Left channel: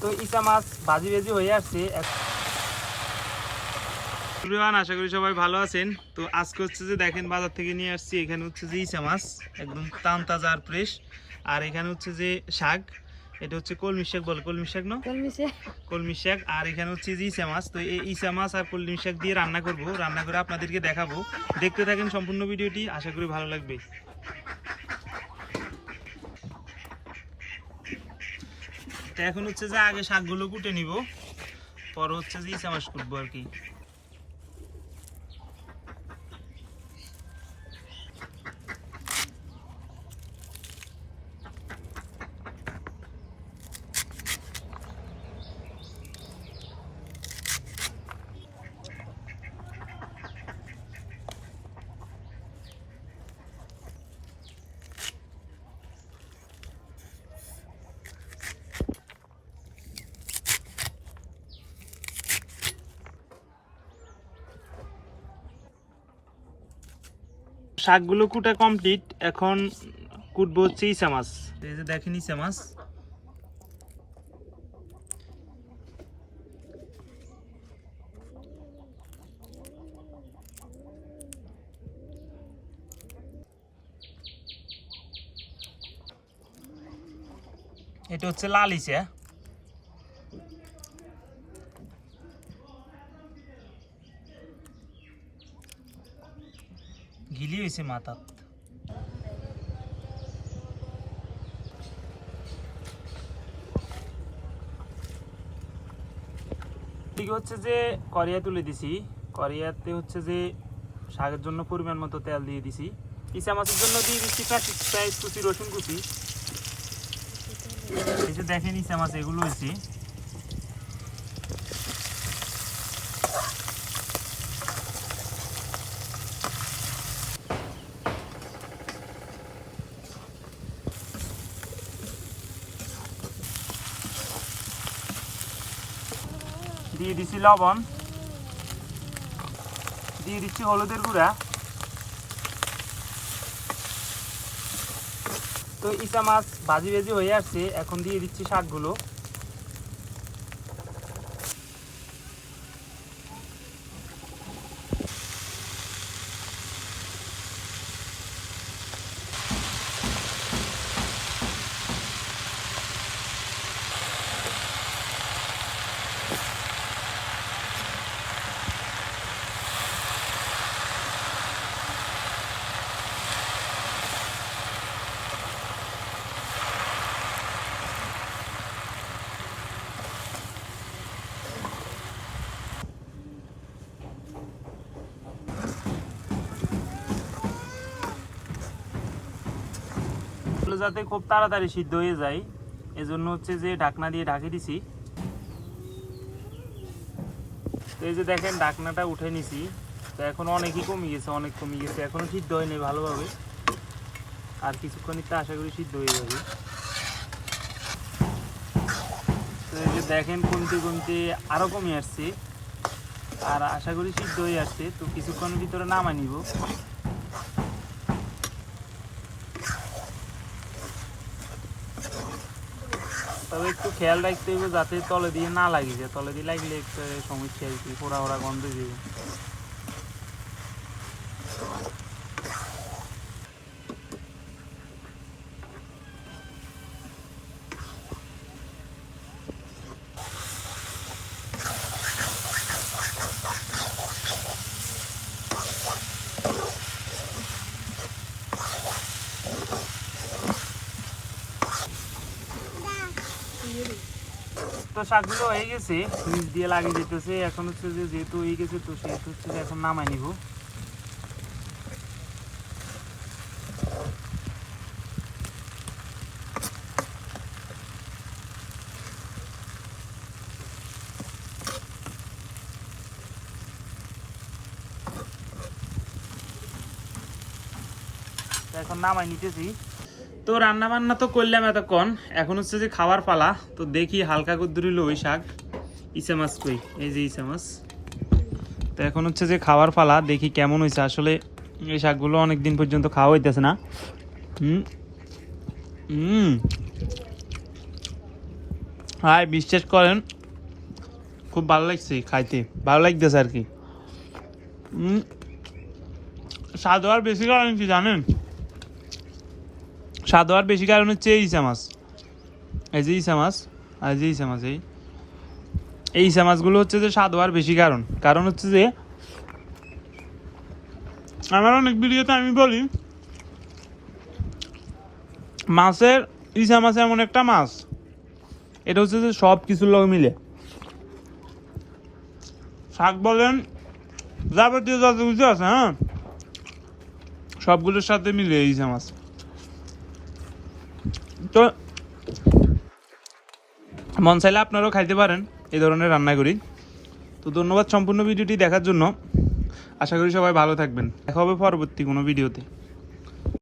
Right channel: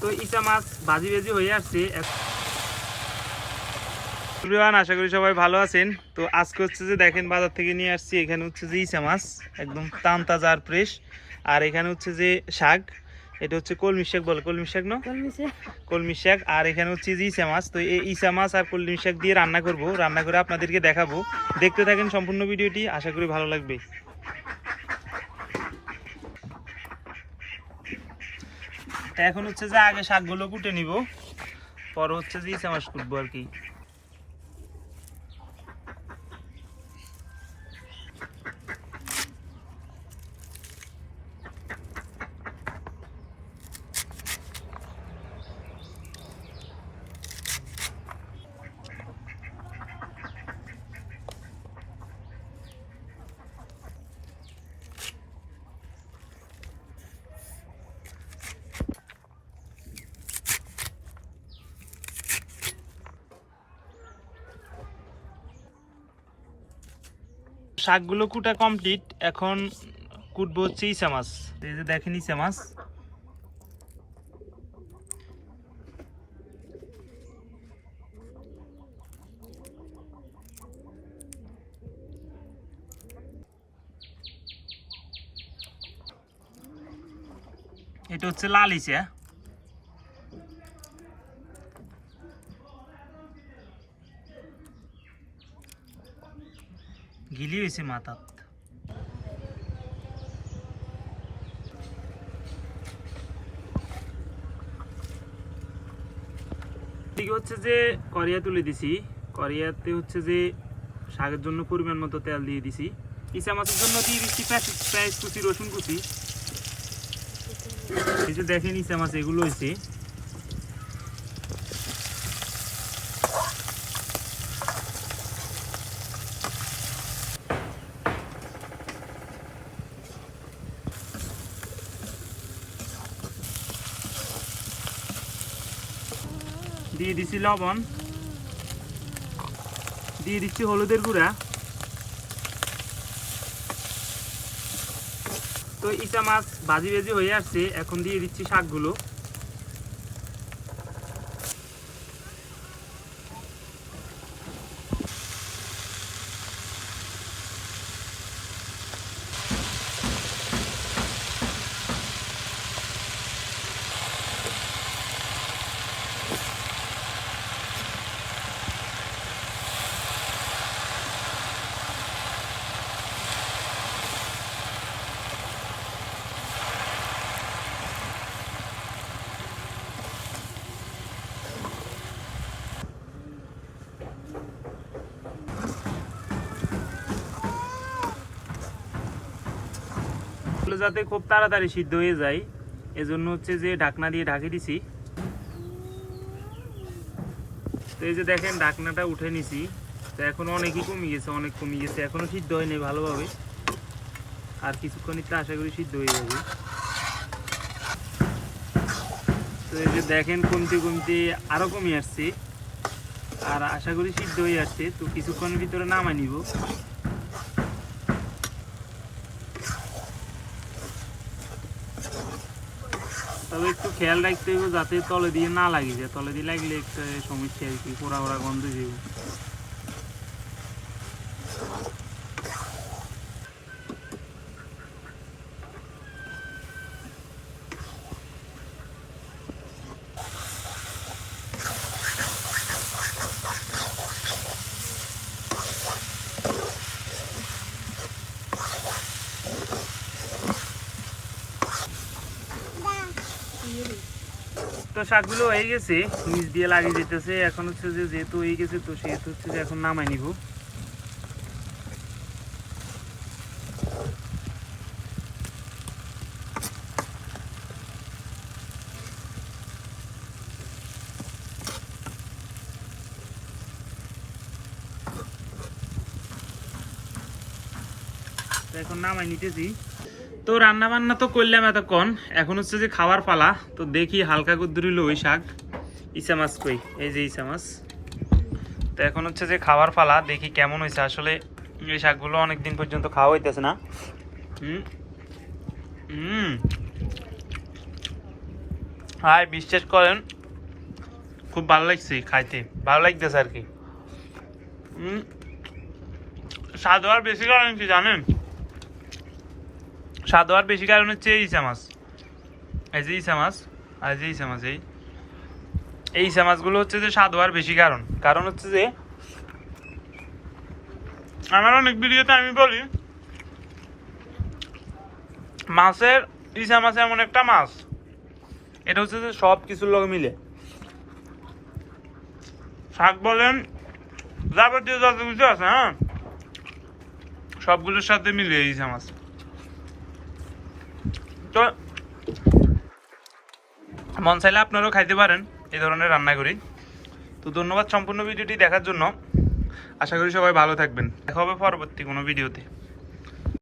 তো ইসা মাছ ভাজি ভেজি হয়ে আসছে। এভরিওয়ান আশা করি সবাই ভালো আছেন। তো আজকে হচ্ছে যে দেখেন বাজার থেকে নিয়ে আসছি এখানে হচ্ছে যে ইসা মাছ একদম টান তাজা আর ফ্রেশ আর এখানে হচ্ছে যে শাক এটা হচ্ছে কলমি শাক বলে কলমি শাক না? কলমি শাক আর এখানে হচ্ছে যে ইসা মাছ। তো এই ইসা মাছ আর কলমি শাক দিয়ে রান্না করব রান্না করে আপনাদেরকে দেখাবো। দেখতে থাকেন সম্পূর্ণ ভিডিওটি আশা করি ভালো লাগবে। এখন হচ্ছে যে আগে শাকগুলো কুটে নিব। পর হচ্ছে যে ইসা মাছ কুটবো আর কি। শাকগুলো কুটা কমপ্লিট এখন কুটবো হচ্ছে ইসা মাছ। এই যে দেখেন ইসা মাছ। এটা হচ্ছে লাল ইসা গিলি হয়েছে মাথাত এদিকে হচ্ছে যে করিয়া তুলে দিছি। করিয়াতে হচ্ছে যে শাকের জন্য পরিমাণ মতো তেল দিয়ে দিছি। ইসা মাছের জন্য দিয়ে দিচ্ছি পেঁয়াজ কুচি, রসুন কুচি। দেখেন ইসা মাছ এগুলো হয়েছে দিয়ে দিছি লবণ। দিয়ে দিচ্ছি হলুদের গুঁড়া। তো ইচা মাছ ভাজি ভেজি হয়ে আসছে, এখন দিয়ে দিচ্ছি শাকগুলো। এগুলো যাতে খুব তাড়াতাড়ি সিদ্ধ হয়ে যায়, এজন্য হচ্ছে যে ঢাকনা দিয়ে ঢাকি দিছি। তো এই যে দেখেন, ঢাকনাটা উঠে নিছি। তো এখন অনেকই কমে গেছে, অনেক কমে গেছে। এখনও সিদ্ধ হয়নি ভালোভাবে। আর কিছুক্ষণ তো আশা করি সিদ্ধ হয়ে যাবে। তো এই যে দেখেন, কমতে কমতে আরও কমে আসছে। আর আশা করি সিদ্ধ হয়ে আসছে। তো কিছুক্ষণের ভিতরে নামাই নিব। তবে একটু খেয়াল রাখতে হবে যাতে তলে দিয়ে না লাগে যায় তলে দিয়ে লাগলে একটা সমস্যা আর কি পোড়া ওড়া গন্ধ দিব তো শাকগুলো হয়ে গেছে নিচ দিয়ে লাগিয়ে যেতেছে এখন হচ্ছে যে যেহেতু হয়ে গেছে, তো সেহেতু হচ্ছে যে এখন নামাই নিব। এখন নামাই নিতেছি। তো রান্না বান্না তো করলাম এতক্ষণ। এখন হচ্ছে যে খাওয়ার পালা। তো দেখি হালকা কুদ্দুরিল ওই শাক। ইসা মাছ কই? এই যে ইসা মাছ। তো এখন হচ্ছে যে খাওয়ার পালা, দেখি কেমন হয়েছে আসলে এই শাকগুলো অনেক দিন পর্যন্ত খাওয়া হইতেছে না। হুম? হুম। হ্যাঁ বিশ্বাস করেন, খুব ভালো লাগছে খাইতে। ভালো লাগতেছে আর কি। স্বাদ হওয়ার বেশি কারণ জানেন? স্বাদ হওয়ার বেশি কারণ হচ্ছে এই ইসা মাছ। এই যে ইসা মাছ, আর যে ইসা এই। এই ইসা মাছগুলো হচ্ছে যে স্বাদ হওয়ার বেশি কারণ। কারণ হচ্ছে যে, আমার অনেক ভিডিওতে আমি বলি, মাছের, ইসা মাছ এমন একটা মাছ। এটা হচ্ছে যে সব কিছুর লগ মিলে। শাক বলেন, যাবতীয় যত কিছু আছে হ্যাঁ? সবগুলোর সাথে মিলে ইসা মাছ। তো মন চাইলে আপনারাও খাইতে পারেন এই ধরনের রান্না করি তো ধন্যবাদ সম্পূর্ণ ভিডিওটি দেখার জন্য। আশা করি সবাই ভালো থাকবেন। দেখা হবে পরবর্তী কোনো ভিডিওতে।